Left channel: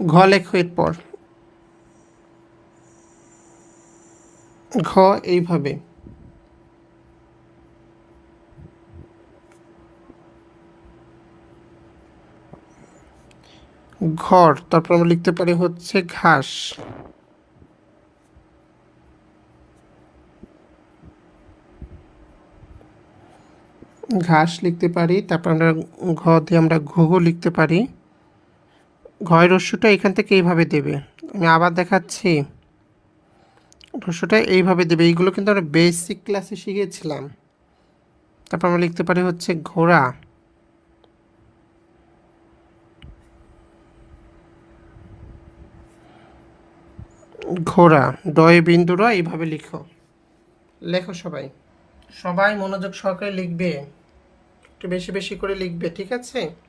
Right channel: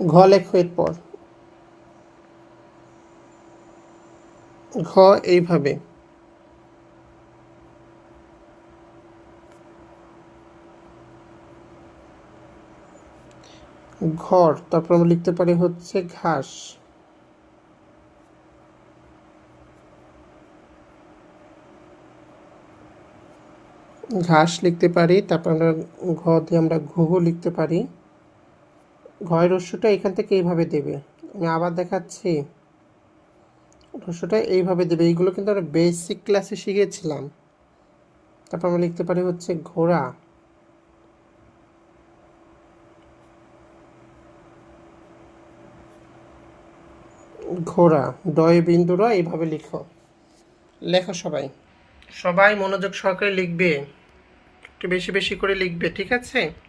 ঘ লেখো এরপর ঘ এইভাবে। ঘর, তারপর আমরা লিখতে পারি হচ্ছে ঘাস। ঘাস লিখতে পারি, তারপর আমরা ঘ দিয়ে আমরা ঘুঘু লিখতে পারি। ঘয়ের রস্যটা এখান থেকে এইভাবে দেবে। আমি আবার দেখাচ্ছি। রস্যটা এইভাবে দেবে। এইগুলো কিন্তু আমরা বেসিক ক্লাসে শিখেছিলাম। তারপর আমরা লিখতে পারি হচ্ছে ঘোড়া। ঘোড়া। ডয়ে বিন্দুরা এইভাবে লিখো। লেখো সবাই। সবাই মনোযোগ সহকারে লিখবে। একটু বেশি বেশি করে লিখবে, ঠিক আছে?